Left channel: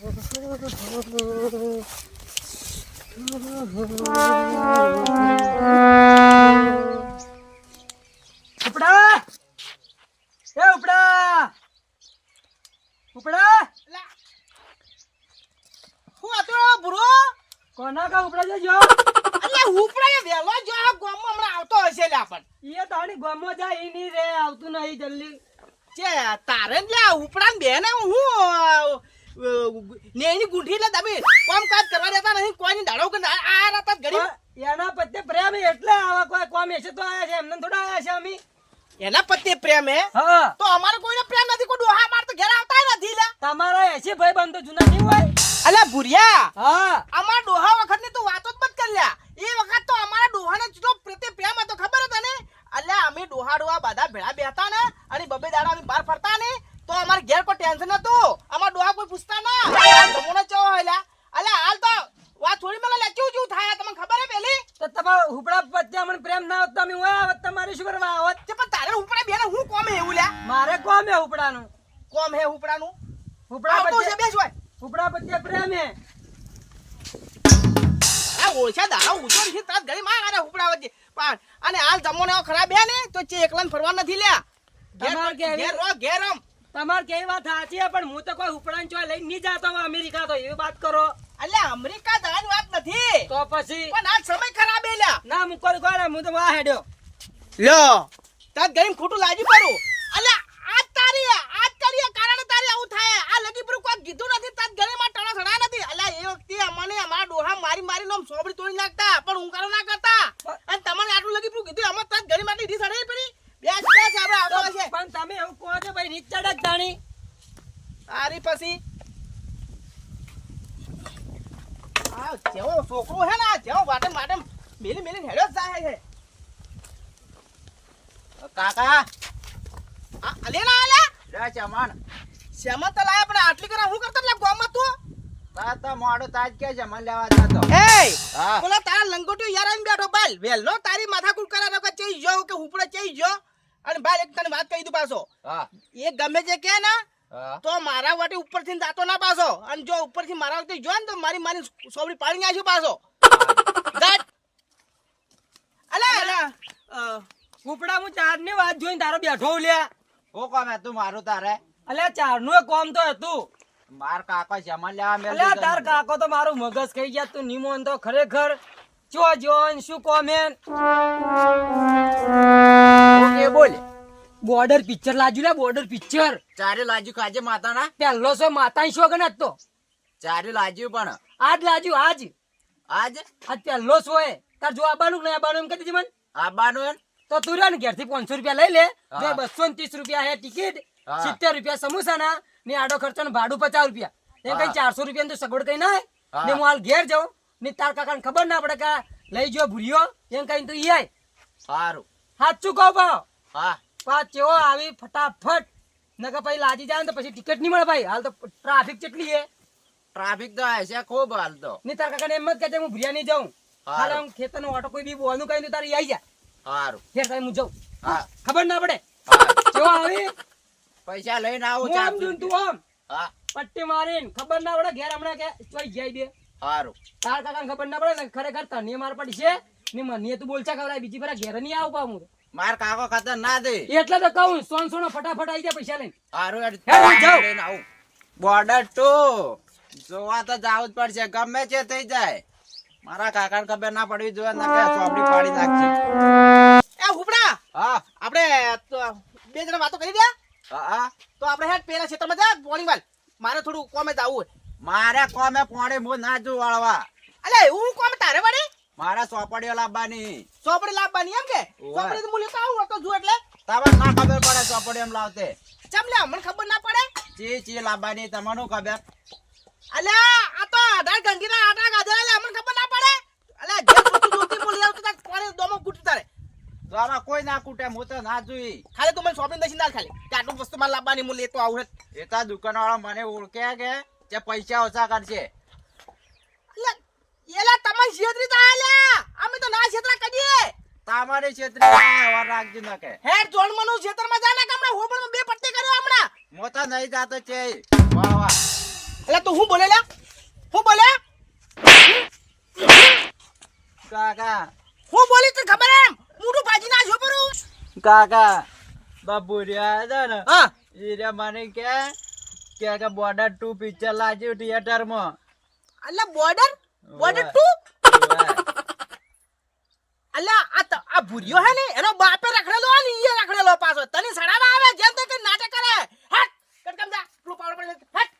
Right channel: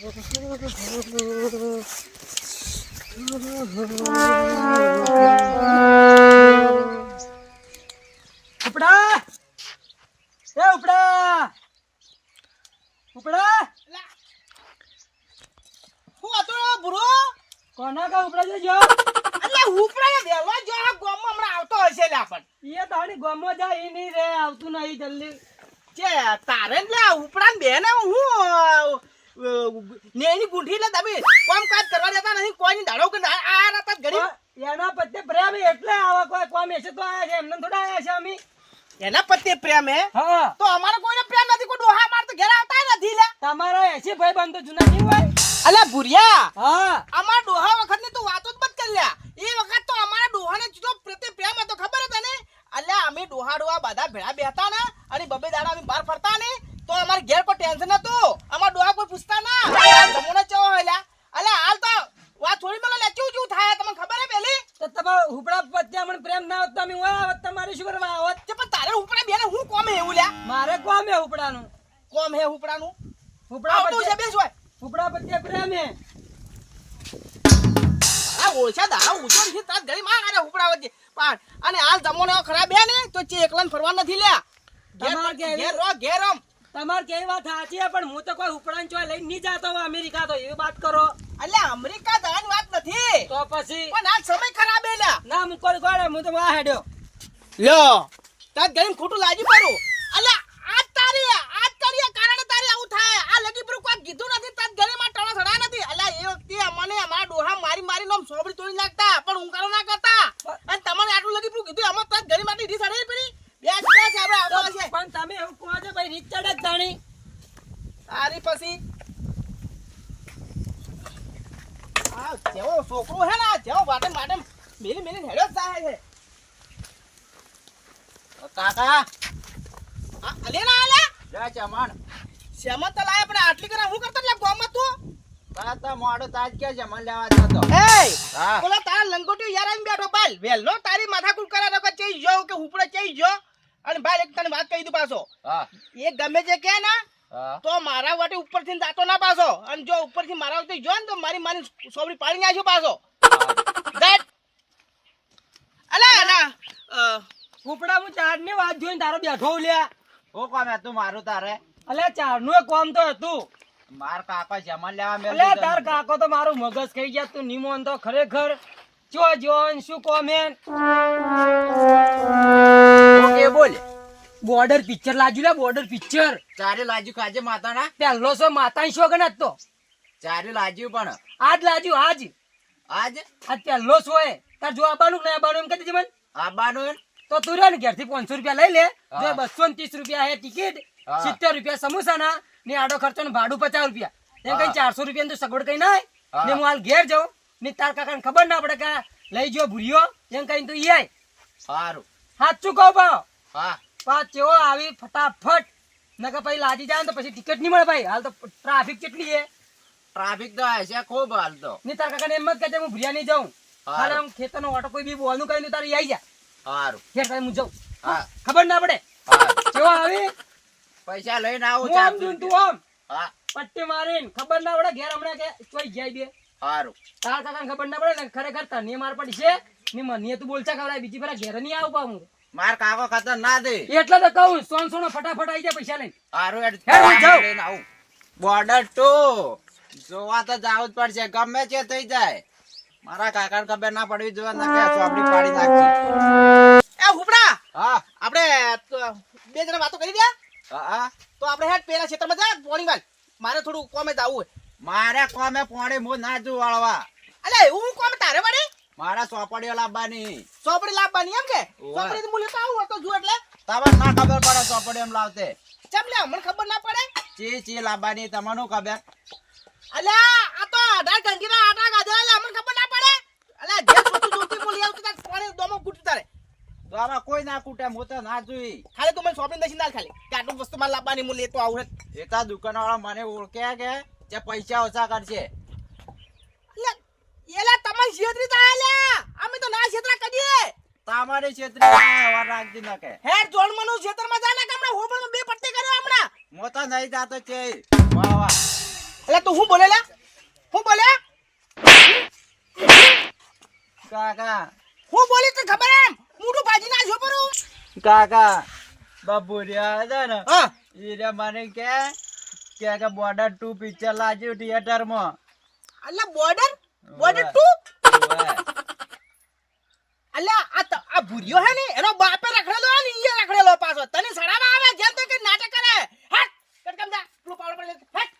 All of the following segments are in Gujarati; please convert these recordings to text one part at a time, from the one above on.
ઉપડા એ ઉપડા ઉપડા હું આતો બુરો કોના કા ઉપડા જો એટલે ઉપડા વેલો જો આ ગોમ હમણાં આવતો હશે લે આપણ ઈ તાણી ગોમો જાય ઈ ની રે આવતું નહીં જલ્દી જે તારે લે ઉપડા બેને હું નેની ગુંઠી લે તમે કામ કાજ કરવા દેતા નહીં કોઈની દાડો કે આ રાત ગરીબ એના પત્તે પ્રેમ એટલે આવા કોઈ કોમ એસે તો આયા છે એમને થોડા આયા છે અમે એના પત્તે પ્રેમ હે હા તો અમારો કોઈને પ્રેમ નથી કોઈ ડોહા માર તો ઘેર આવતા નથી લે તમારા એસી ભાઈ બંધ તો જૂના નહીં હોય અલા ભુરિયા હા અમાર ડોહા વખત ની તો વાતો જ બંધ કરી લ્યા એ વખત તો અમારા ડોહાને જેટલો પ્રત્યે પ્રેમ હતો ખબર હતો ને અલ્યા અમે ડોહા બધા ભેળા બેહતા ને અને બબે દાડા અમે બહાર ફરતા ને તો અમાર ઘેર કોઈ ટેન્શન નતું અમાર ડોહા કોઈ પૂછતા ના જમોનો ચો હોયલા અલ્યા હાલ તો વાત થોડી મને લેચું ચું થાય તમને ખબર હે પેલી તો તમારા હુપડા પત્તે અમને પ્રેમ ના હોત તો અમે હોય આવત તમારી શું કરવા આવત કે પણ તારે ઉપડે બેને હું કોમ હે એવું લ્યા મારે કોમ હે હુપડાનું કોમ હે ઉપડાનું હુપડા આવતું છે પત્તે બેસ હોય હુપડા પત્તે પ્રેમ હે આ ઓછા દાડા ઉછો છે તાર ઘડી માં આરે ઉપડા વચ્ચે પણ અને હાલ જમોને ખરાબ હે ને તો ચે એકલાને ફરવા નથી લ્યા તમાર ઘેર કેવી ઘેર આમ તમાર કેવી વાત સાચી છે પણ હું તો કોઈ હુપડાન ચોય લઈને નહીં જાતો હોય અમેરિકા તો એવી વાત કરો અલ્યા અમેરિકા દાવાની વાત નથી તો પછી પણ આ સમય ખરાબ હે લ્યા ના મુકો ગોળે હું તો વા હેડ્યો લ્યો તાર ગરીમ ખોટું લાજી પડું અલ્યા આજ તારી કારણે તારી આવું થાય આ લગી પર કોઈ કીધું નથી તાર ગરીમાં ટણા સડા નથી અલ્યા એ વખતે અમને અમારા ડોહા મારી નોમ સોબડી તોડી નાખતા પણ ઊંઘારો ના કરતા અને તમને આટલું લગી પર કીધું અમર તાર ગરી માટે દી સડાઈ પડી બે આપણે આવતો હશે પણ તમે એવું કહો છો ભાઈ રીચડ જ જાણી તારી પછી આ જેવો છોકરો હે ને જેવો વાટે મેલી હેડો જ જાય છે કાકા અલે ના અલે લે ચમણ શ્યામત તો લાયા પણ આટલી કરા હું કરતો લે ગોમમાં તું તાતા મોડો તાજ કે ચમણ લેવા જતો એ હા બોલા તારા લંગોટી યાર આમ બેઠો બાલ વેલનો તારી માથાકૂટ કરા કે ચઈ જો કે હુપડે ચઈ જો અને બાલ એક તને વાત કહી દઉં પાછો હા એ ગમે જે કે ના હા તો મારા વાટે ઉપરથી જાતો ના પાછો અને જો ઉપરથી મારા વાટે જો ને તો મારી સોબડી પાડી નાખ્યો પાછો ગાટ અલા હુપડા હું ચાર ની વાત જોઈને તારો બેઠો લ્યા હું કોમ હતું મારું તારે અલ્યા ચાર નું કોમ તો હતું માર કાકો ચમણ લેવા મેલ અલ્યા તાર કાકો તો મારું મગજ ખાઈ ગયા તું નિમોન તો ખરેખર જો જોન શું કોમેન ઓકે બોલ બોર્ડર પિક્ચર લાજુ લે બોર્ડર પિક્ચર ચારે લાજુ કાજે માતાના પહેલો સો માતાની શોગન હતો ચારે લાજુ પણ આજ લાજુ આજ આજ પહેલો સો હે તાર જો આબાનું નહીં આબાનું એમ કહેતી મને આબાનું તો તું રે ને ઘેરથી 500 રૂપિયા લઈ લે જો 230 રૂપિયા હે ટિકિટ 70 રૂપિયા સમોસાના ને આડો ખર્ચો ને ભાડું 50 રૂપિયા એમ કઈ 400 રૂપિયા તો સગવડ કઈ ના ને હું હાલ ઘેર જાઉં ને તાર કાકાને ખબર ના પડે કે લઈ જો ભૂરિયો એમ કઈ તું ઈ આય સારું સાચું કહો ભાવ હા પાંચ ચેવો આવી ફટાફટ નકર પછી લાજી જાય તો પછી ટિકિટ નહીં મળે ભાઈ હાલ તો ટ્રાફિક કેટલી હે ટ્રાફિક તો હશે ખૂબ હાલ તો ને તાર કાકાને એમ જ કહેજે હું ભૂરિયા નહીં જાઉં હાલ આમ ખેતરનો ઓટો કોઈ બી બોલનું કઈ તું તારી આવી જા સારું ફેર ભાઈ હું જાઉં હા ખબર ના પડે હા ચેવો આવી પૈસા લઈને આવું હું આમ જોઉં તું આમ હા પટ્ટી મારીને ખબર ના પડે ઘેર હમણાં કે ચોઈ જાય બે સારું તાર કાકાને ખબર ના પડે ને ખરેખર તને માર પડી છે ને મને તું બોલચા ખવડાય બીજી ફેરા ઘેર નહીં આવું પાછું માર કાકો ખતર ના દે એટલે તો કહું સોનો ફટાફટ આવી જાય પૈસા લઈને સારું હેડ, જાઉં. લઈને આવું બોર્ડર ટુ જોવા તો જાવું જ પડશે ગમે તે થઈ જાય મારા કાકાને ખબર ના પડવી જોઈએ ના કે ચોપડી પાડી નાખી એ હુપડા હા આપણે બે જણા વાતો કરી દે હા તો આપણે હેડ પેલા ક્ષેત્રમાં જા પોણી વાલ મારે થોડું કોમે જાવું મારે કોમે પોણે મો ના જો વાળવા અલે એવું કોમે તારે વળી મારા ચોપડીઓ લાવવાની સોપડી લાવવાની એમ કે ઓય. સોપડી તો હું લેતો આવું તો જો એટલે તમને ના ખબર પડે ચોપડી એમ લાવતે ચમ લે મને ખબર ના પડે ચી લાવવાની તમને ખબર અલ્યા આ તો આધાર ગંગીના આટા ગાધા લે મને ખબર ના પડે અલ્યા જે વસ્તુ જોતી બોલી આવતો તાર પાણી દોમો કૂટી તારે તો આમાં કોઈ ના કૂટે હું તો ના જોઈ ખાલી તું મને સોપડી દસી ના ખાલી કે આટલું વસ્તુ મારે લાવવાની હું લેતો આવું એ તો દુકાન વાળા મને ઓળખે કે જે પૈસા ઓછા કરશે એટલે એલા તમારી છેતરી તા લ્યા અમે તો ના છેતરા કરીએ તમારી ક્ષેત્રે રાખજો ના કે હેડ જોન મનો છેતરમાં જા ને કે હમણાં હોબળમાં બે પટ્ટી કર્યો હમણાં હું તો નહીં જાતો છે વાહ વાહ એટલે તો હું બોલે લ્યા? હું બોલે? કાકા હું બોલી તને ખબર એમ? મોઢું ભાજી ના જો પરું. કાકા બાપુરિયા હતા ને હા એ મને કે બોર્ડર 2 પિક્ચર લાગ્યું થિયેટર માં. અલ્યા બોર્ડર 2 અલ્યા આ ભૂરિયો હે ને એનો બાપે રખડેલો હે ને ઈ રખડેલો પાછો તને સડાવા આવે જેમ તે કે નાટક કરે. હટ કટકમ જા પેલું પાવડર પર હટ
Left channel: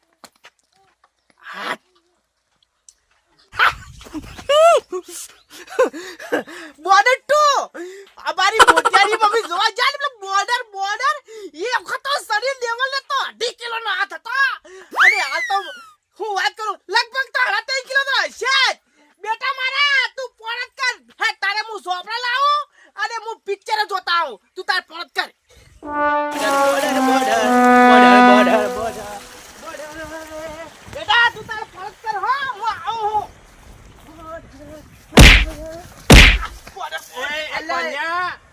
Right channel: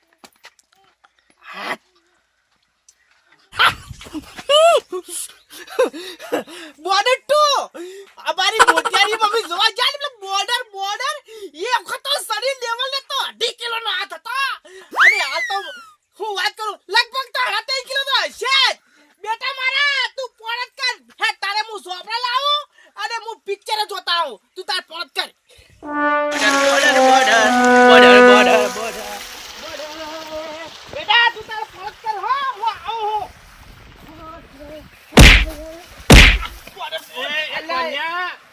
બોર્ડર 2 અમારી મોટિયારી મમ્મી જોવા જાય ને બોર્ડર એ વખત તો શરીર લેવલ ને તો 2.5 કિલો નો હાથ હતો અને હાલ તો હું વાત કરું લગભગ તો 3.5 કિલો નો હશે જ. બેટા મારા તું પોણત કર. હે તારે હું સોપડા લાવું અને હું પિક્ચર જોતા આવું તું તાર પોણત કર. બેટા તું તાર પોણત કર હો હું આવું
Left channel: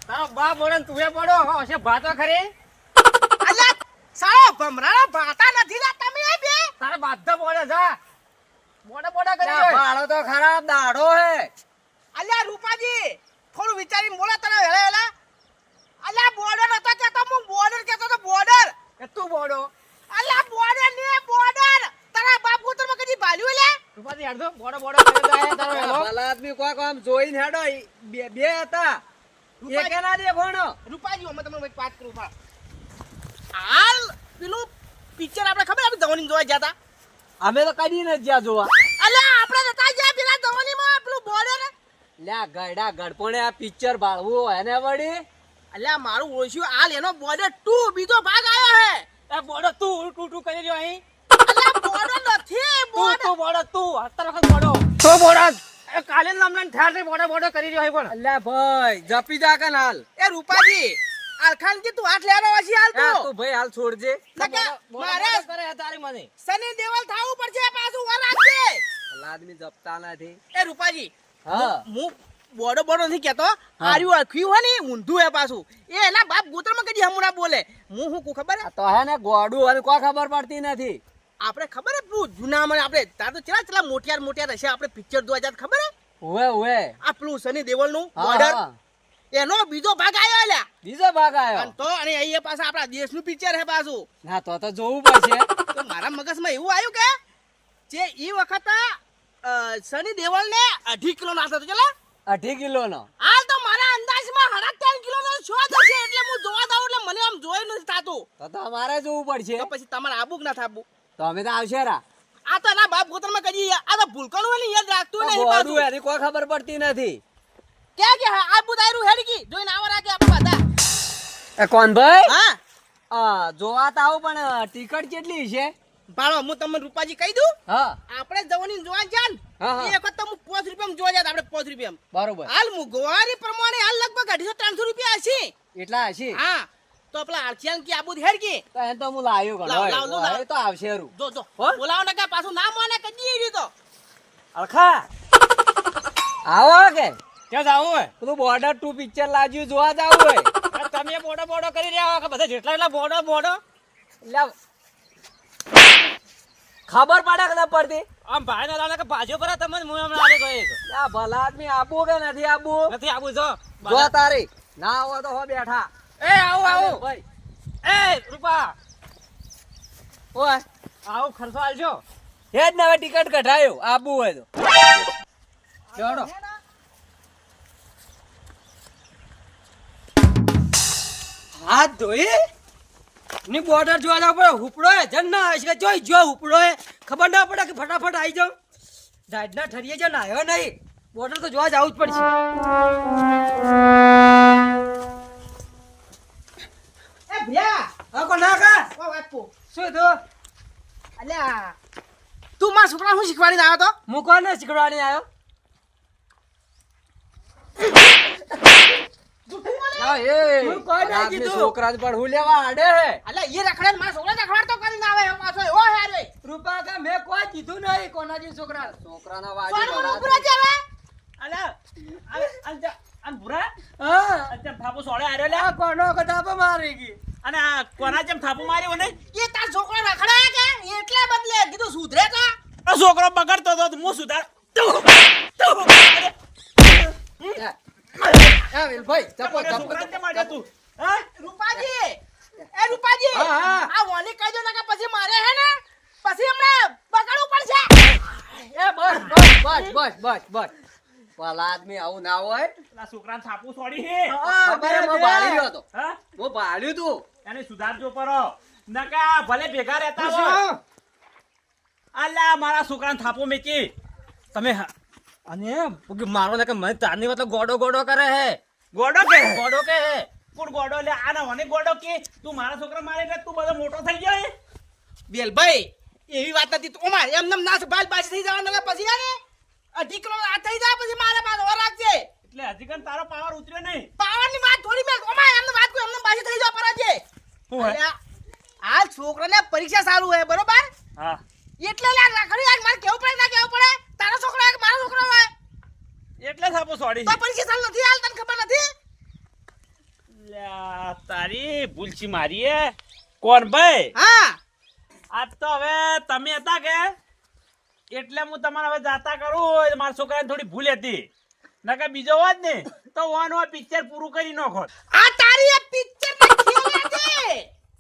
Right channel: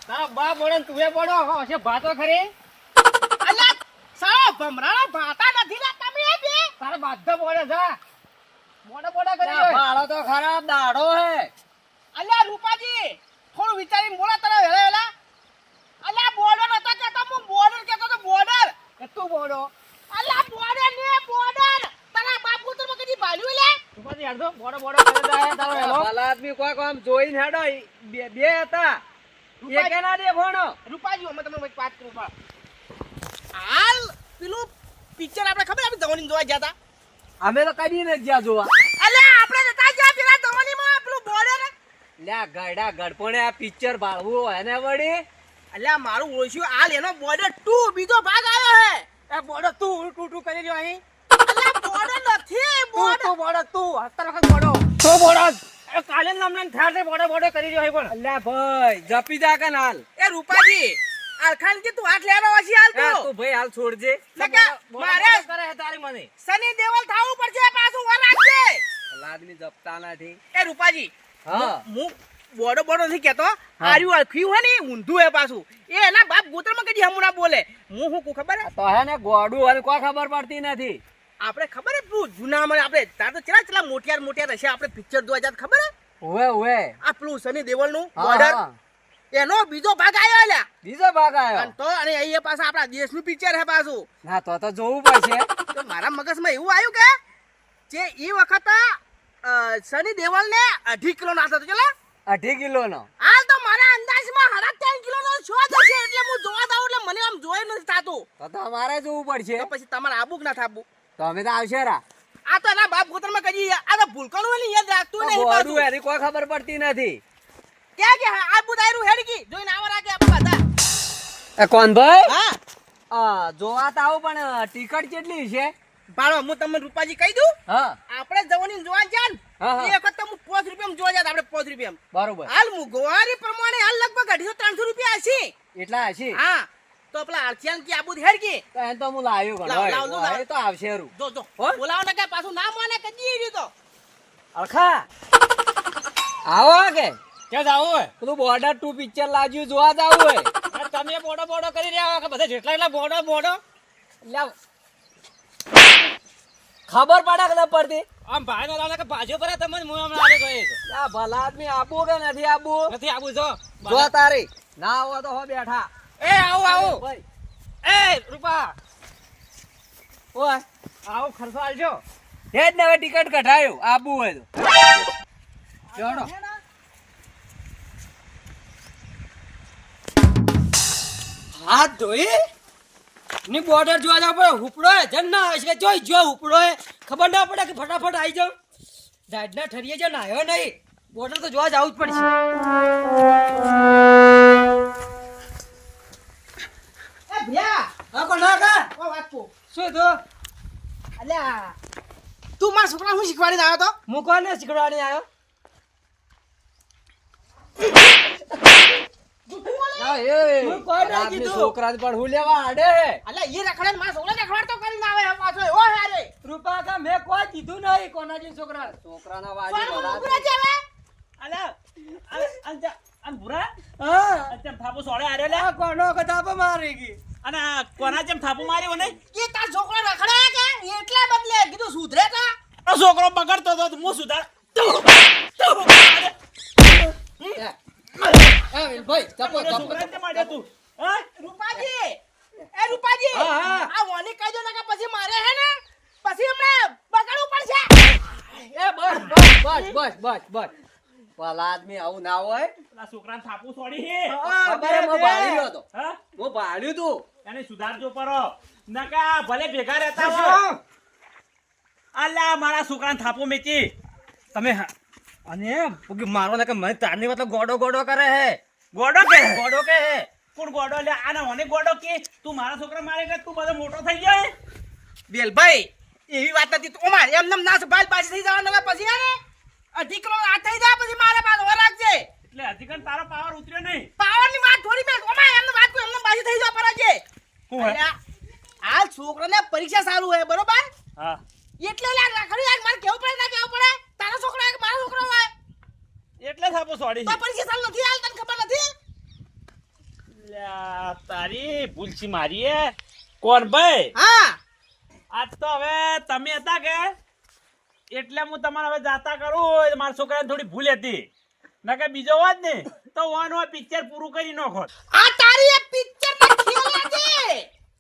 તારો બાપ બોડે તુએ બોડો હશે ભાતો ખરી અલ્યા સાળા ભમરાના ભાતા નથી લે તમે બે. તારે બાધો બોડે જા બોડા કરી ભાડો તો ખરાબ દાડો હે. અલ્યા રૂપાજી થોડું વિચારીને બોલા તારા હેલા. અલ્યા બોર્ડર નતો કેતો હું બોર્ડર કેતો તો બોર્ડર. એ તું બોડો અલ્યા બોર્ડર ને બોર્ડર તારા બાપ પુત્ર માં કદી ભાલ્યું લે. તું હેડો બોડો કરી જાય તારો હેલો ભલા આદમી કોક આમ જોઈને હેડો બે હતા એકે ના દેખોણો. રૂપાજી અમે તમને એક વાત કરું પણ હાલ પેલું પિક્ચર આપણે ખબર આપણે ધવની જોવા ગયા હતા. અમે તો કદી ન જ્યાં જોવા. અલ્યા આપણે નતા ગયા પેલા ધવની માં પેલું બોર્ડર. લ્યા ગયડા ગડપણે આ પિક્ચર બાળવું હોય ને વળી. અલ્યા મારું ઓળખ્યું હાલ એનો બોર્ડર 2 બીજો ભાગ આવ્યો હે. એ બોડો તું ટૂટું કરી રહ્યો અહીં અલ્યા બોર્ડર નથી બોર્ડર. તું બોડો તું હતર વખત બોડો તો બોડા એ કાલે નામના ઠાર બોડો કરી રહ્યો અહીં પણ અલ્યા ભાઈ જપી જા કે હાલ. એ રૂપાજી આલખાન કે તું હાથ લેવાનો હશે હાલ હા તો તું ભાઈ હાલ છોડજે. મારે કરે તારી મને સની દેવલ થાવું પડશે પાછું વર રાખજે. ભલા આદમી જપતા નથી. એ રૂપાજી હા હું બોડો નથી કેતો આર્યું આખ્યું હે ને ઊંધું હે પાછું એ એના બાપ ગોત્રમાં કદી હમુના બોલે. હું હું ખબર હે તો હે ને ગોડું અને કોઈ ખબર પડતી નથી. આપણે ખબર હે પેલું જૂના મને આપણે તાર તો ચલા મોટિયાર હશે આપણે પિક્ચર જોવા જાત ખબર હે ઓવે આ પેલું સની દેવલ નું હા, બોર્ડર હા. એનો બીજો ભાગ આવ્યો અલ્યા. બીજો ભાગ આવ્યો. અને તો અને અહીંયા પાછા આપણા દેશનું પિક્ચર હે પાછું. ના તો જોવું પડશે. તો મારા મગજમાં એવું આવ્યું કે જે એ વખત સની દેવલ ને 2.5 કિલો નો હતો ચલા 2.5 કિલો નો. હાલ તો મારા અંદાજમાં 3.5 કિલો નો શો થશે એટલે હું જોવા દઉં એટલે મને આમ જોઈ નથી થાતું. તો અમારે જોવું પડશે. તો પછી તમારે આબુ કે ના થાબુ. તો અમે તો આવશે રા. આ તો એના બાપ ગોતરમાં કદી આ તો ભૂલકણું હોય ને યાદ રાખતું નહીં ગોડું પાછું. એની કોઈ ખબર પડતી નથી. ક્યાં કે આબુ દાયરું હેડકી જોઈને આવા રાખે આપણે બધા. એ કોણ ભાઈ? હા જોવા તો આવું પણ ટિકટ કેટલી છે? ભાડો હું તમને રૂપાજી કહી દઉં હા આપણે જવાની જોવા જાન હા, હા. એ વખત તો હું 5 રૂપિયામાં જોવા જાત આપણે 5 રૂપિયામાં. બરોબર. હાલ મોંઘવારી પ્રમાણે હાલ લગભગ 250-300 રૂપિયા હશે. એટલા હશે. હા તો પેલા આરસિયાન કી આબુ હેડકી તો એને તો હું લાવ્યો લાવ, લાવ, લાવ. ગણો. તો આવશે રૂ. જો હો? બોલાવો ને કે પાછું ના માને કદી એવી તો. અલખા આવો કે ક્યાં જાવું હોય પેલું બોર્ડર 2 પિક્ચર લાગ્યું જોવા જાવું હોય. તમે બોડો કરી રહ્યા કે બધા જેટલા એટલા બોડો લ્યા, ખબર પડે કે ના પડતી? આમ ભાઈ ના લાગે કે બાજુ પર તમને હું હમણાં આલે ગયો લ્યા, ભલા આદમી આબુ કે નથી આબુ? નથી આવું જો જો તારી ના આવો તો હો બેઠા. એ આવું ભાઈ એ રૂપા ઓય આવું ખર્ચો આલજો હેડ ને હવે ટિકિટ કઢાયો આબુ હોય તો જોડો. હાથ ધોઈ ની બોર્ડર જોવા જાવ પડે. હુપડો હે જન ના આવે છે કે જોઈ જો હુપડો હે ખબર ના પડે કે ફટાફટ આવી જાવ. જાડના ઠરીએ જો નાયો નહીં બોર્ડર તો જોવા જવું જ પડશે. એ ભ્યા હા કોણ ના કા ઓ વાતપો શું તો અલ્યા તું મારા છોકરા હું શીખવાડીને આવ્યો તો. હું કોને શીખવાડી આવ્યો? અલ્યા હું કોઈ ના કીધું. છોકરાને પણ હું લેવા આડે એ રખડે ને મારા છોકરા રખડાડતો કરીને આવે હે પાછો એવો હે રે. રૂપા કા મેં કોઈ કીધું નહીં કોનાજી છોકરા છોકરાના વાજી પણ ભલા ઉપરે છે હવે. અલ્યા અન ભુરા હા અચમ થાપો સોળે આર્યો લે આ કોનો કદાપ મારી ગઈ. અને આ કોના જેમ થાપો માર્યો ને એ તાર છોકરો રખડાય કે એટલા બદલે કીધું સુધરે કા છોકરો બગડતો હતો તો હું સુધાર ભાઈ ચપો મને છોકરાને કેમ માર્યો તું? હા? રૂપાજી એ રૂપાજી હા, હા. આ વોની કહી દો ને કે પછી મારે હે ને પછી હમણાં બગાડવું પડશે એ બસ ભલા આદમી આવું ના હોય પેલા છોકરાને થાપું છોડી હે. ખબર હે, હું ભાળી રહ્યો હતો હા? હું ભાળ્યું તું એને સુધારજો પરો નકા ભલે ભેગા રહેતા હોય. અલ્યા મારા છોકરાને થાપો મેકી. તમે અને મારો ને કે મને તારની મતલબ ગોડો કરે હે ગોડો કે ગોડો કે હે કોણ ગોડો લે આના મને ગોડો કે તું મારા છોકરા મારે કે તું બધો મોટો થઈ ગયો હે? વેલભાઈ એવી વાત નથી તું મારે એમ નમ ના બાલ પાછી થઈ જવાનું ને પછી હે ને અઢી કિલો આ થઈ જાય પછી મારે પાછો ઓર રાખજે એટલે હજી કણ તારો પાવર ઉતર્યો નહીં. પાવરની વાત થોડી મેં ઓમાં એમને વાત કોઈ એમને પાછી થઈ જાય પરાજે શું હે? અલ્યા, આ છોકરાને પરીક્ષા સારું હે બરોબર હા એટલે લા રાખડી આજ મારે કેવું પડે ના કેવું પડે તારો છોકરો હે કે મારો છોકરો હોય એટલે થાપો છોડી તો પરીક્ષા સારું નથી હાલ તને ખબર નથી લ્યા, તારી ભૂલછી મારી હે. કોણ ભાઈ? હા આજ તો હવે તમે હતા કે એટલે હું તમારે હવે જાતા કરું. મારા છોકરાને થોડી ભૂલ હતી નકે બીજો હોત ને તો વન હોય પિક્ચર પૂરું કરી નાખોત. આ તારી એ પિક્ચર ના ખેલ હતી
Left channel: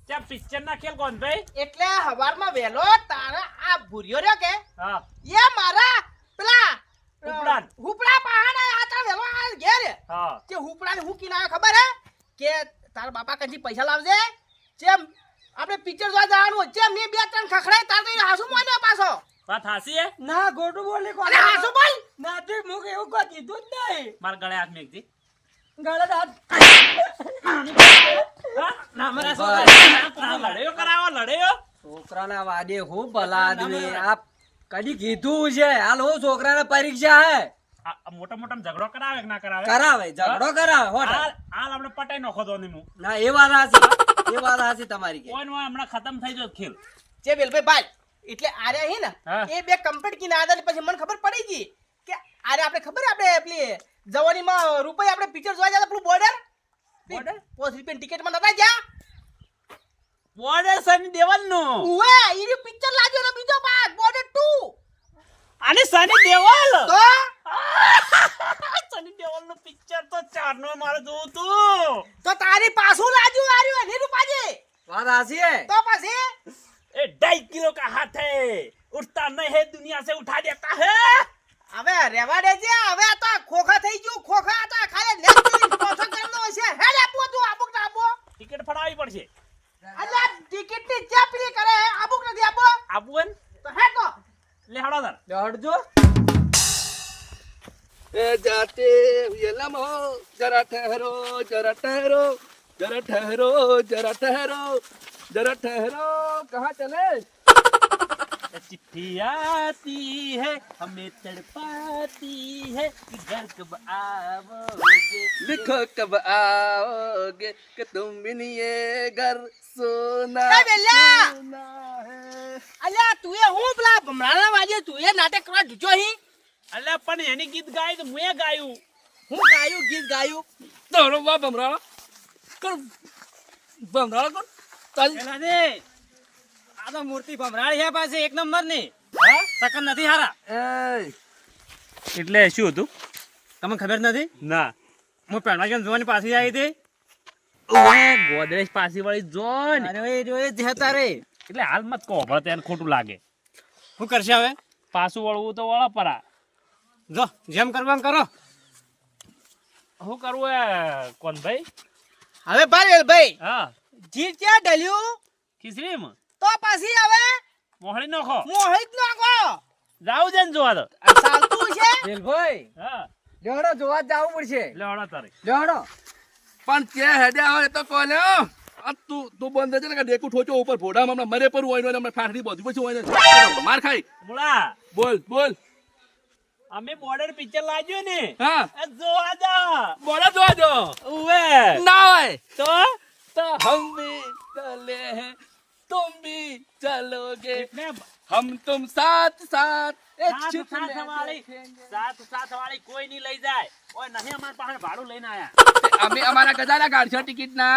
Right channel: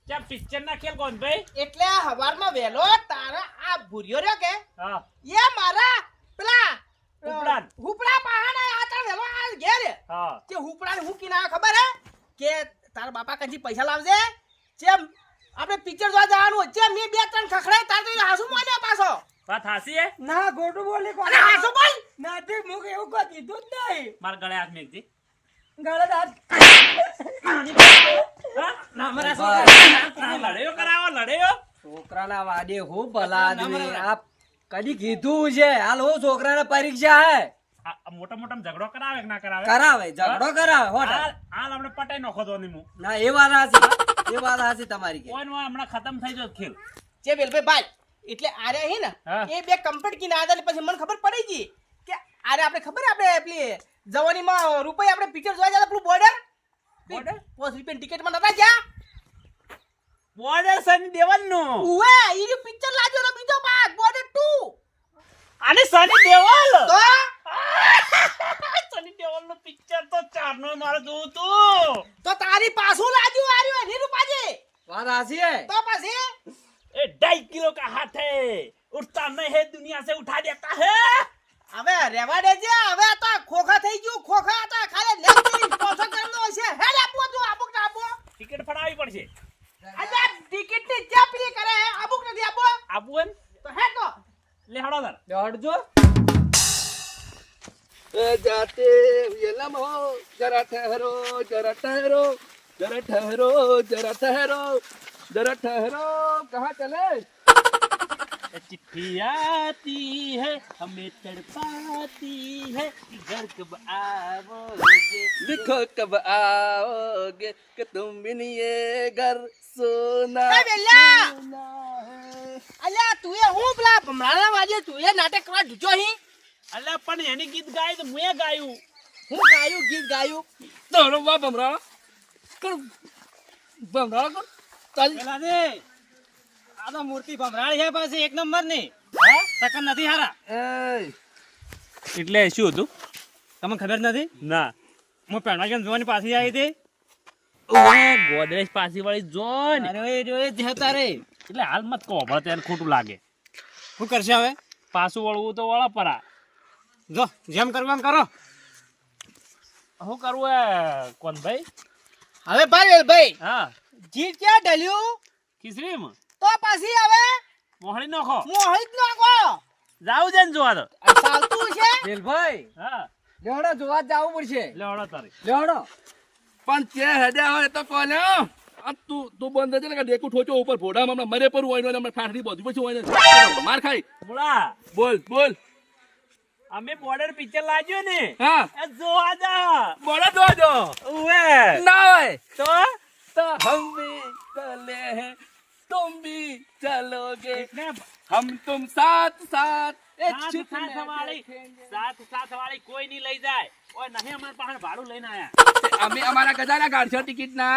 ચા પિક્ચર ના ખેલ કોણ ભાઈ? એટલે હવારમાં વેલો તારા આ ભૂરિયો રહ્યો કે હા એ મારા પેલા હુપડા. હુપડા પહાડા આ તારા વેલો આ ઘેર હા કે હુપડા હું કી ના ખબર હે કે તારા બાપા કંજી પૈસા લાવજે જેમ આપણે પિક્ચર જોવા જવાનું હોય જેમ મેં બે ત્રણ ખખડાય તાર તો હાસુ મોને પાછો વાત હાસી હે. ના ગોડું બોલે કોણ અરે હાસુ બોલ નાથી મુક એવું કોઈ કીધું જ નહીં મારા ગળે હાથ મેકજી. ગળે હાથ હા? ના મારા છોકરા કોને લડ્યો કરાવો લડ્યો? છોકરાના વાડે હું ભલા આદમી આ કદી કીધું છે હાલ હું છોકરાને પરીક્ષા હે આ મોટા મોટા ઝઘડો કરાવે કે ના કરાવે? કરાવે ઝઘડો કરાવે હો હાલ હાલ આપણે પટાઈ નાખો તો ને હું. ના એ વાત હાચી એ વાત હાચી તમારી કે કોઈ નો હમણાં ખતમ થઈ ગયો ખેલ. જે વેલભાઈ બાલ એટલે આરે હે ને હા. એ બે કમ્પ્લીટ કી ના આદા પછી મને ખબર પડી ગઈ કે આરે આપણે ખબર આપણે પેલી જવાનીમાં રૂપિયા આપણે પિક્ચર જોવા જતા પેલું બોર્ડર Border? 5 રૂપિયા ટિકિટ માં નતા જા બોર્ડર સની દેવલ નું. ઉવે ઈ પિક્ચર લાગ્યો ને બીજો પાર્ટ બોર્ડર 2 અને સની દેવલ તો સની દેવલ નું પિક્ચર તો ચાર નો મારે જોવું તું. તો તારી પાછું લાગ્યું આર્યું હે રૂપાજી વાત હાચી હે તો પછી ए 2.5 किलो का हाथ है उठता नहीं है दुनिया से उठा देता है. હવે રેવા દેજે હવે તો ખોખા થઈ ગયું ખોખા હતા ખાલી લેફ્ટ પાછો કરનો હશે હેડ આપો તું આબુક ના આપો ટિકિટ ફડાવી પડશે. અલ્યા ટિકિટ ની ચાપલી કરે હે આબુક નથી આપો આબુ હે તો હેડ તો લે હડો તાર. દોડજો ए जाते हुए लम्हो जरा ठहरो जरा ठहरो जरा ठहरो जरा ठहरो जरा ठहरो कहाँ चले चिट्ठी आती है हमें तड़पाती है कि घर कब आओगे. लिखो कब आओगे कि तुम बिन ये घर सोना ए बेला! सोना है અલ્યા તું એ હું પેલા ભમરાના વાજે તું એ નાટક કરવા ઢૂચો હી અલ્યા પણ એની ગીત ગાય તો મુએ ગાયું. હું ગાયું ગીત ગાયું दोनों बाप बमराड़ा कर बमराड़ा कर ताली પેલા ને આ તો મૂર્તિ ભમરાળી છે પાછી એક નંબર ની સકન નથી હારા ए એટલે શું હતું? તમને ખબર નથી ના હું પેણવા કેમ જોવાની પાછી આવી હતી ગોદરેજ પાછી વાળી જોન અરે એ જો એ જ હતા રે એટલે હાલ મત કહો ભલે તેને ખોટું લાગે. શું કરશે હવે પાછું વળવું તો વળો પરા. જો જેમ કરવા એમ કરો શું કરવું હે કોણ ભાઈ? હવે ભાઈ ભાઈ હા જીત ક્યાં ઢલ્યું ખીચડીમાં તો પછી હવે મોહળી નાખો. મોહિત નાખો જાવ છે ને જોવા તો. આ ચાલતું છે દિલભાઈ હા લેવડો જોવા જ જવું પડશે લે હળો તારે. લેવડો पण क्या हेडे आवे तो कौन है अब तू बंद है ना देखो ठोचो ऊपर फोड़ा हमने मरे पर हुआ हमने फाड़ी बहुत कुछ हुआ मार खाई બોલા बोल बोल અમે બોર્ડર પિક્ચર લાગ્યો ને हाँ એ જોવા જા. बोला दो ઉવે ना है તો तो हम भी चले हैं तुम भी चलोगे એટલે हम तुम साथ साथ एक સાથ शिप સાથ में વાળી बैठेंगे। સાથ વાળી કોઈ નહીં લઈ જાય. ઓય નહીં અમાર પાસે ભાડું લઈને આયા. अभी हमारा गजाला गाड़ छो टिकट ना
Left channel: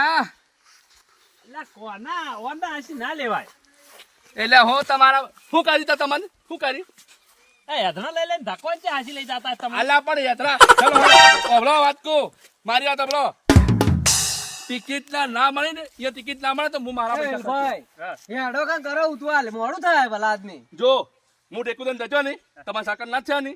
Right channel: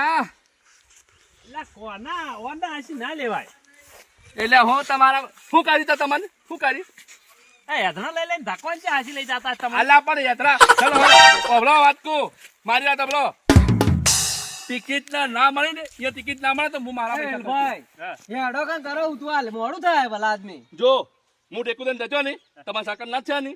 એટલે કોના ઓના હસી ના લેવાય. એટલે હું તમારા શું કરી તો તમને શું કરી એ હેધણા લઈ લઈને ધક્કો છે હાસી લઈ જતા તમે અલ્લા પણ યાત્રા ચલો ઓબળો વાત કો મારી વાત ઓબળો ટિકિટ ના મળી ને એ ટિકિટ ના મળે તો હું મારા પૈસા ભાઈ એ હડો કાં કરો ઉતવાલ મોડું થાય ભલા આદમી જો હું ટેકુદન જજો ને તમારા સાકર ના છે ને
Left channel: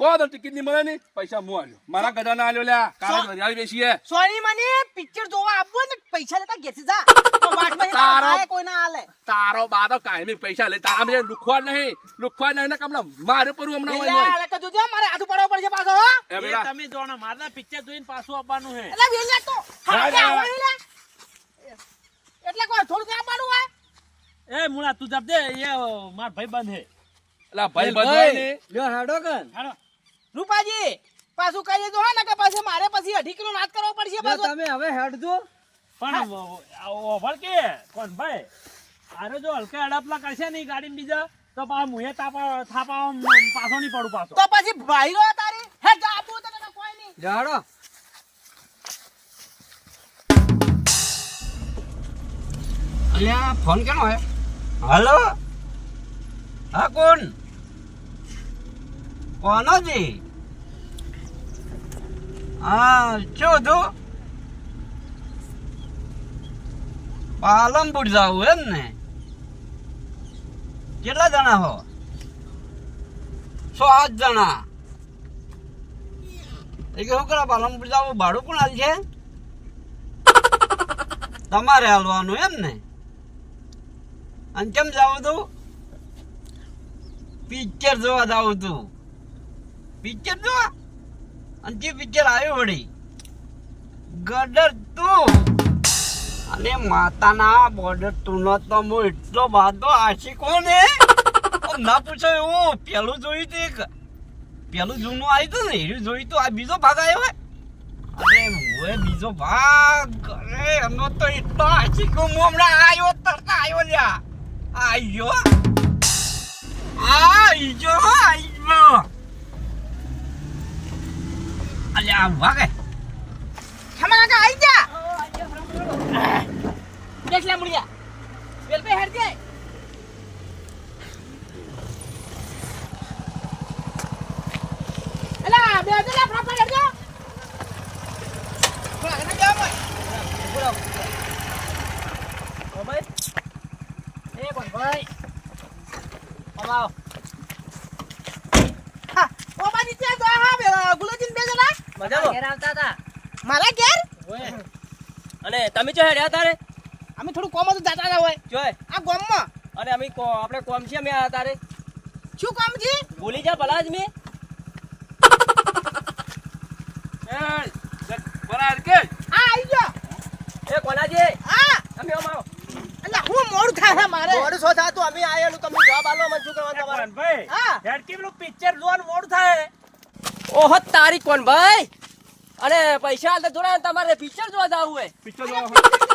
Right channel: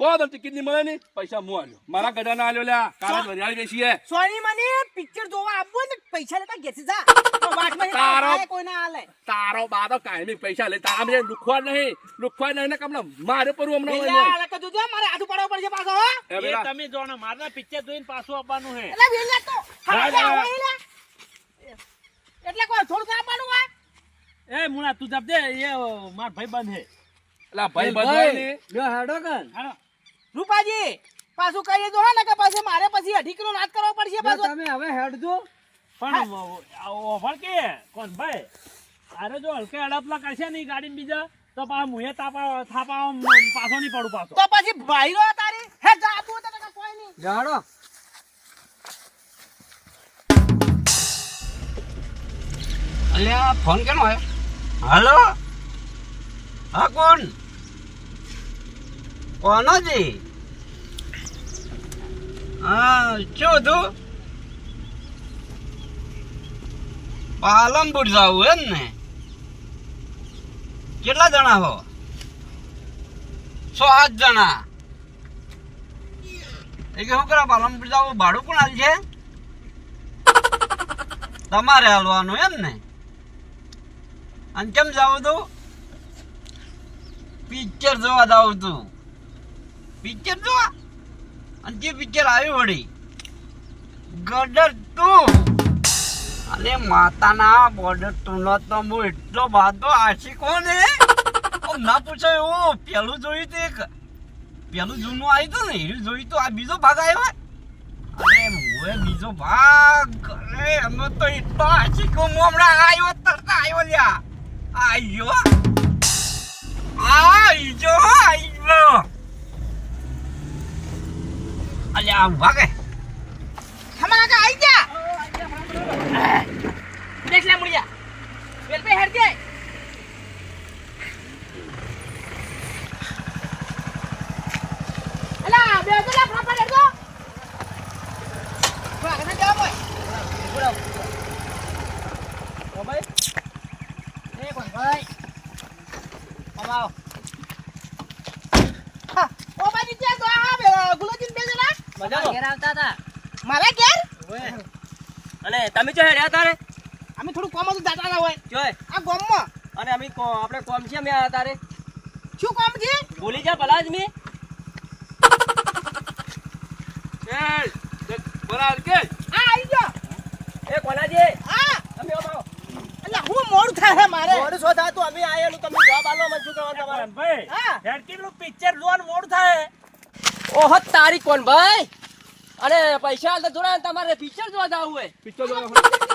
તો ટિકિટ નહીં મળે ને પૈસા હું આલ્યો મારા ગધાના આલ્યો લ્યા કાલે વરિયાળી બેસીએ સોની મને પિક્ચર જોવા આપવું ને પૈસા લેતા ઘેરથી જા તો વાટમાં તારો- આય કોઈ ના હાલે તારો બાતો કાયમી પૈસા લે તારા મને લુખવા નહીં ને કમલા મારે પર હમણાં હોય નહીં. એટલે કે જોજો મારે હાથું પડવો પડશે પાછો હો એ એ બેટા, તમે જોણો મારના પિક્ચર જોઈને પાછું આપવાનું હે એટલે વેલા તો હા, હા, હા. હોય લે. એટલે કોઈ થોડું આપવાનું હોય એ મુણા તું જપ દે એ માર ભાઈ બંધ હે અલા ભાઈ બધાય ને લ્યો હેડો કાં હાલો રૂપાજી પાછું કહીએ તો હા ને કે પછી મારે પછી 18 કિલો નાશ કરવો પડશે લ્યો પાછો તમે હવે હેડજો પણ ઓફર કે કોણ ભાઈ અરે જો હલકા અડપલા કરશે ને ગાડી બીજા તો પાછા મુએ થાપા પાછો નહીં પડું પાછો તો પછી ભાઈ રો તારી હે જા આપું તને કોઈ નહીં લ્યો હેડો અલ્યા ફોન કેનો હે હાલો હા કોણ કોનો જી હા શું તું પાલનપુર જાવું એમ ને કેટલા જણા હો 6-8 જણા એ કે શું કરે પાલનપુર જાવું ભાડું કોણ હાલ છે તમારે હાલવાનું એમ ને અને કેમ જાવું તું પિક્ચર જોવા જાવું તું પિક્ચર જોવા અને જે પિક્ચર આવ્યું વળી ગદર તું અને માતાના બોર્ડર તું નો તો હું એટલો બાદો આશિકો ને ના પૂછે એવું પેલું જોયું તું એક પેલું જૂનું આવ્યું તું ને એનું જોયું તું આ બીજો ભાગ આવ્યો હે અરે મોએ બીજો ભાગ અરે અમે તો એટલો આશિકો હું હમણાં આવ્યો તરતા આવ્યો લ્યા આયો આયો અલ્યા વાગે હમણાં કા આઈ જા દેખ લે મુડિયા વેલ પે હેડ દે અલા બે તો લા ફટાફટ હેડ દો બરા ના જાવ ભાઈ ઓ ભાઈ એ કોણ ભાઈ અમાવ હા ઓ ભાઈ નીચે તો હા ગુલોજીન બે જણા મજામાં ઘેર આવતા હતા મારા ઘેર અને તમે જો હેડ્યા તારે અમે થોડું કોમ હતું જાતા ના હોય જોય આ ગામમાં અને અમે આપણે કોમ છે અમે તારે શું કામ છે ભૂલી જા ભલા જ મેં બરાબર કે આ આવી ગયો એ કોનાજી આ તમે અમારો એટલે હું મોડું થાય મારે મોડું શો થાતું અમે આયેલું તમે જવાબ આલો મને શું કરવાનું તમારે કોણ ભાઈ હા. હેડ કેટલું પિક્ચર જોવાનું મોડું થાય ઓહો તારી કોણ ભાઈ અને પૈસા હાલ તો જોડા તમારે પિક્ચર જોવા જાવું હોય પિક્ચર જોવા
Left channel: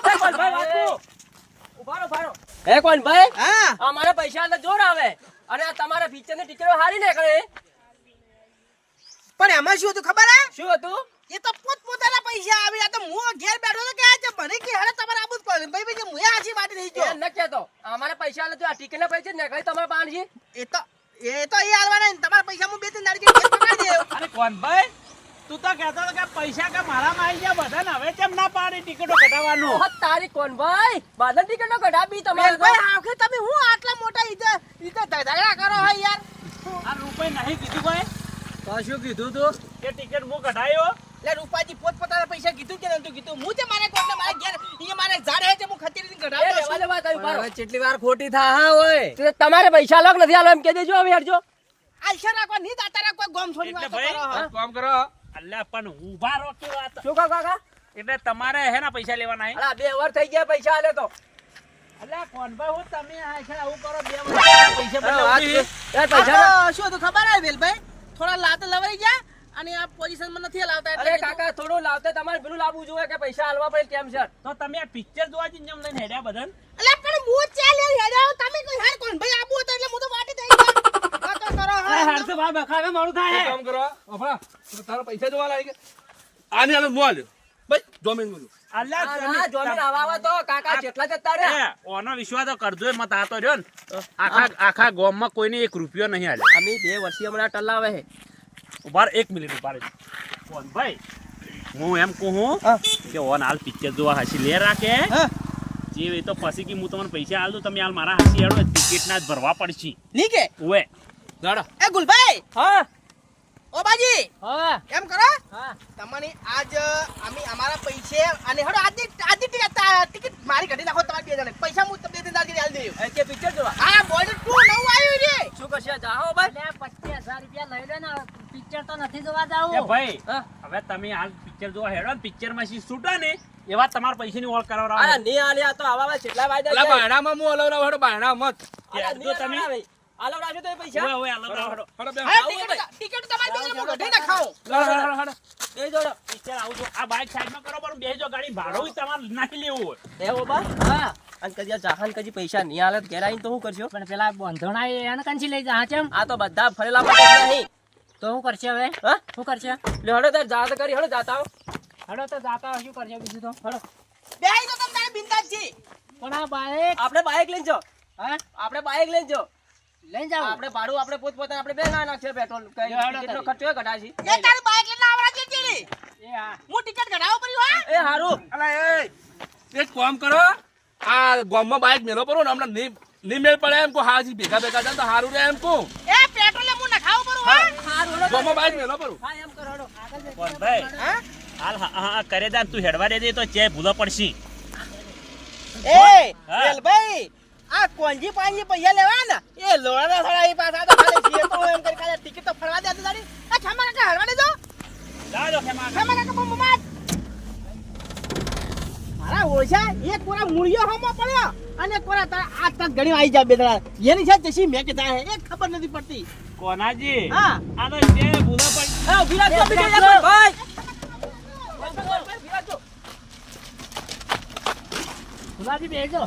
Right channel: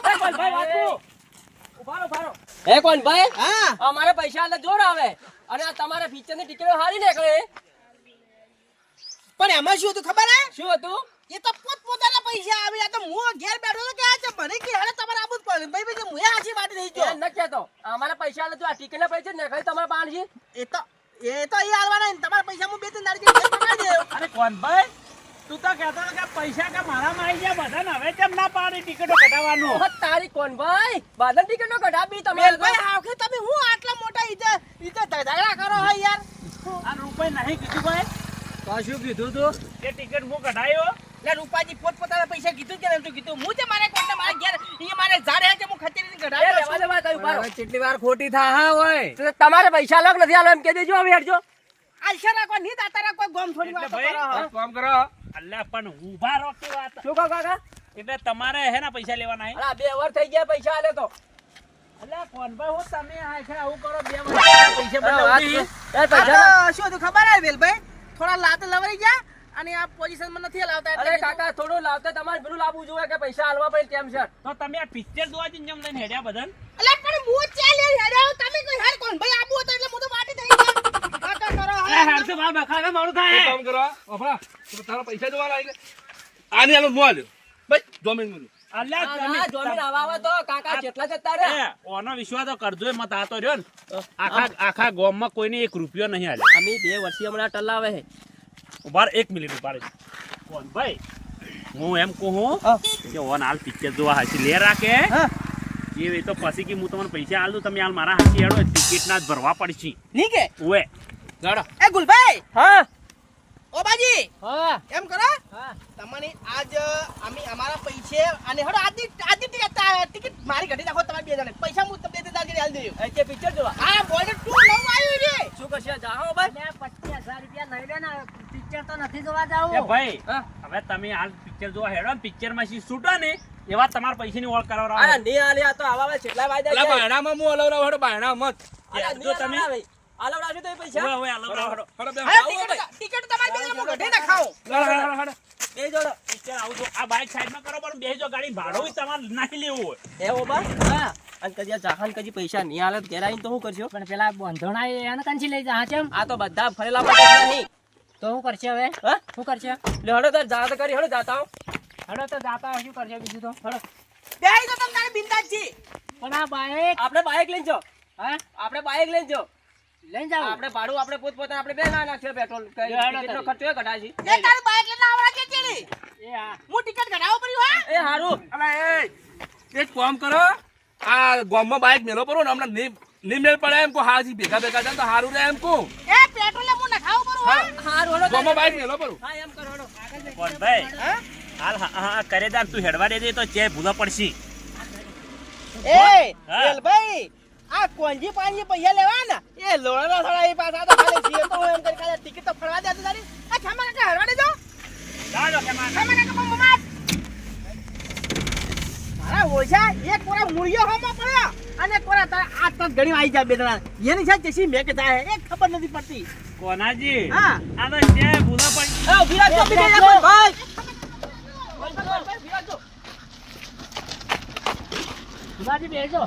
એ કોણ ભાઈ વાત કો ઉભારો ઉભારો એ કોણ ભાઈ હા અમારે પૈસા હાલ તો જોર આવે અને આ તમારે પિક્ચર ની ટિકિટો હારી નીકળે પણ એમાં શું હતું ખબર હે શું હતું એ તો પોતપોતાના પૈસા આવી આ તો હું ઘેર બેઠો તો કે આ છે મને કે હાલે તમારે આબુ જ પડે ભાઈ ભાઈ મુએ હાચી વાત નહીં જો એ ન કહેતો અમારે પૈસા હાલ તો આ ટિકિટ ના પૈસા નીકળે તમારે પાણ છે એ તો એ હાલવાના ને તમારા પૈસા હું બે ત્રણ દાડી ઘેર પકડી દેવ અરે કોણ ભાઈ તું તો કહેતો હતો કે પૈસા કે મારામાં આવી ગયા બધા ને હવે કેમ ના પાડી ટિકિટો કઢાવવાનું ઓહો તારી કોણ ભાઈ બાદલ ટિકિટો કઢાવી તમારે ભાઈ આખરે તમે હું આટલા મોટા ઈતે ઝઘડા કરો હો યાર આ રૂપિયા નહીં કીધું ભાઈ તો શું કીધું તું કે ટિકિટ હું કઢાયો એટલે રૂપાજી પોતપોતાના પૈસા કીધું કે નતું કીધું હું છે મારે કોઈને મારા ઘેર ઈ મારે ઝાડ હે છે હું ખચેરીને એ કઢાવતો લેવા છું દેવા તારી ઉભારો. કેટલી વાર ખોટી થા હા હોય તો તમારે પૈસા અલગ નથી આલો એમ કહી દેજો હવે હેડજો આશા રાખો નહીં તારા કોઈ ગોમ થોડી એટલે વાત ભાઈ, કરો હો. કામ કરો અલ્યા પણ ઊભા રહો કે વાત શું કહો કાકા એટલે તમારે હે ને પૈસા લેવાના હે અલા 2 વાર થઈ ગયા પૈસા આલે તો અલ્યા કોણ ભાઈ હું તમે આ છે આવું કરો 2 વર્ષ પૈસા બદલે ઉડી એ પૈસા આ તો શું હતું ખબર હે વેલભાઈ થોડા લાત લવાઈ જા અને આ પોઝિશન માં નથી લાવતા અરે એટલે કાકા થોડું લાવતા તમારે પેલું લાવવું જોઈએ કે પૈસા આલવા પડે તેમ છે તો તમે આ પિક્ચર જોવા જઈને જેમ લઈને હેડ્યા બધાને અલે પણ હું ચાલ હેડ્યા તમે કોઈ હાર કોણ ભાઈ આબુ હતો એટલે હું તો વાટી થઈ ગયા કાકા કરો અરે હેડ તો બાર બખાવે મારું એક થાય કામ કરો ઓફરા તારા પૈસા જોવા લાગે આની આલો મોલ ભાઈ 2 મિનિટ અલ્યા તમે આ જોમીન આવા તો કાકા કેટલા જતા રહ્યા ઓનો વિશ્વાસ તો કરજો મત આ તો રહ્યો ને આખા ગામમાં કોઈને 1 રૂપિયો નહીં આલ્યો. અમે 2 વર્ષથી હમણાં ટલાવે છે ઉભાર 1 મિનિટ ઉભાર કોણ ભાઈ હું એમ કહું કે ઓન હાલ પિક્ચર જોવા હાસી લે રાખે જે તો પછી કે હું તમને પૈસા આલ દઉં તમે હાલ મારા હાસી હેડો ટિકિટ ના જ ભરવા પડશે ની કે ઓએ ગાડો એ ગુલભાઈ હા ઓ બાજી હા એમ કરો હા તમને આજ અમે અમારા પૈસે અને હડો આજી ટિકિટ મારી ઘટી નાખો તમારી 2 જણે પૈસા હું તમને 2,000 જેવી આલી દઉં. કે પિક્ચર જોવા આ બોર્ડર 2 નવું આવ્યું છે. શું કરશે જાઓ ભાઈ 25,000 રૂપિયા લઈ લે ને પિક્ચર તો નથી જોવા એ જાવું. ભાઈ હા. હવે તમે હાલ પિક્ચર જોવા હેડો ને પિક્ચર માં શી છૂટો ને એવા તમારા પૈસાની ઓળ અરે કરાવરાવો ની આલ્યા તો આવા કેટલા વાયદા અલા છે બાયણામાં હું અલવરાવ હેડો બાયણા મત અરે જો તમે આલવડાવજો તો એ પૈસા ઓએ હાલો હાલો હેડો બે હવે ટિકિટ તમારી 2 જણે હું ઘટી નાખાઉં. એ જોડો પિક્ચર આવું છો આ બાઈક સાઈડમાં કરો પણ બેસજો ગાડી ભાડું તમારે નાખી લેવું હોય એ ઓબા હા અને કદી જાહાન કદી પૈસા નહીં આલે તો ઘેર આવીને તો શું કરશો પણ પેલા બંધોણા એને કંચી લઈ જા ચમ આ તો બધા ફરેલા પડે નહીં તો શું કરશે હવે હા શું કરશે લે હડો તાર જા તો કરી હડો જાતા હો હડો તો જાતા હોય, શું કરશે બીજું તો હડો બેહી જાઓ તમે તારે બિંદાસજી. પણ આ બાઈક આપણે બાઈક લઈને જો હા આપણે બાઈક લઈને જો લઈ જાવ આપણે ભાડું આપણે પોતપોતાને આપણે બે ના નાખશે પેટ્રોલ કઈ હેડો ટિકિટનો તારી. ખર્ચો ઘટાડશે એ તારું બાઈક લઈને આવડા જેટલી એ હા હું ટિકિટ કઢાવો પડ્યું હા એ હારું અલા એ એક કામ કરો આ ગામમાં બાઈક મેલો પડો ને હમણાં નહીં મેળ પડે એમ કો હાજી ભેગા જાય તો હારું રહે એમ કો એ પેટ્રોલ હું નખાવો પડું હા ગામમાં બાઈક મેલો પડો હા એમ કરો હડો આગળ લઈ પણ ભાઈ હા? હાલ હા કરે દાન તું હેડવા દેજે તો ચે ભૂલો પડશે એ હા. વેલભાઈ આ કોંજી પાંજી પૈસા લેવાના એ લોણા થોડા એ પાછા તો ખાલી છીએ તો એમ કરી ખાલી ટિકિટ તો ફરવા દે તારી આ ખામા કાકા હરવા દેજો ગાડો કે માં ખામા કાકા પણ મમાટ મારા ઓછા એક કોરા મૂળિયો હમો પડ્યો અને એક કોરા તારે આ તક ઘણી આવી જાય બે જણા એની સાથે કેસી મેં કે જાય એક ખબર નથી પડતી કોનાજી હા. આનો ચે ભૂલો પડી એ ઉભી રાખજો બીજો ભાઈ સુભાજી બેસો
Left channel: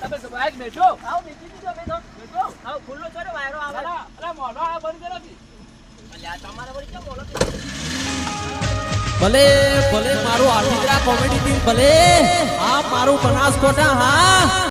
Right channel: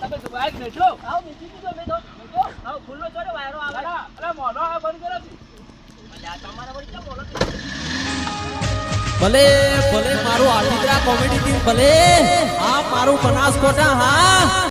તમે બાઈક બેઠો આવ બીજી બીજો બેઠો આવ ખુલ્લો છોડો વાયરો આવે અરે મોનો આ બંધ કરો કી અલ્યા તમારા વળી કેમ બોલો ભલે ભલે મારું આર્ટિદ્રા કોમેડી ટીમ ભલે આ મારું બનાસકોટા હા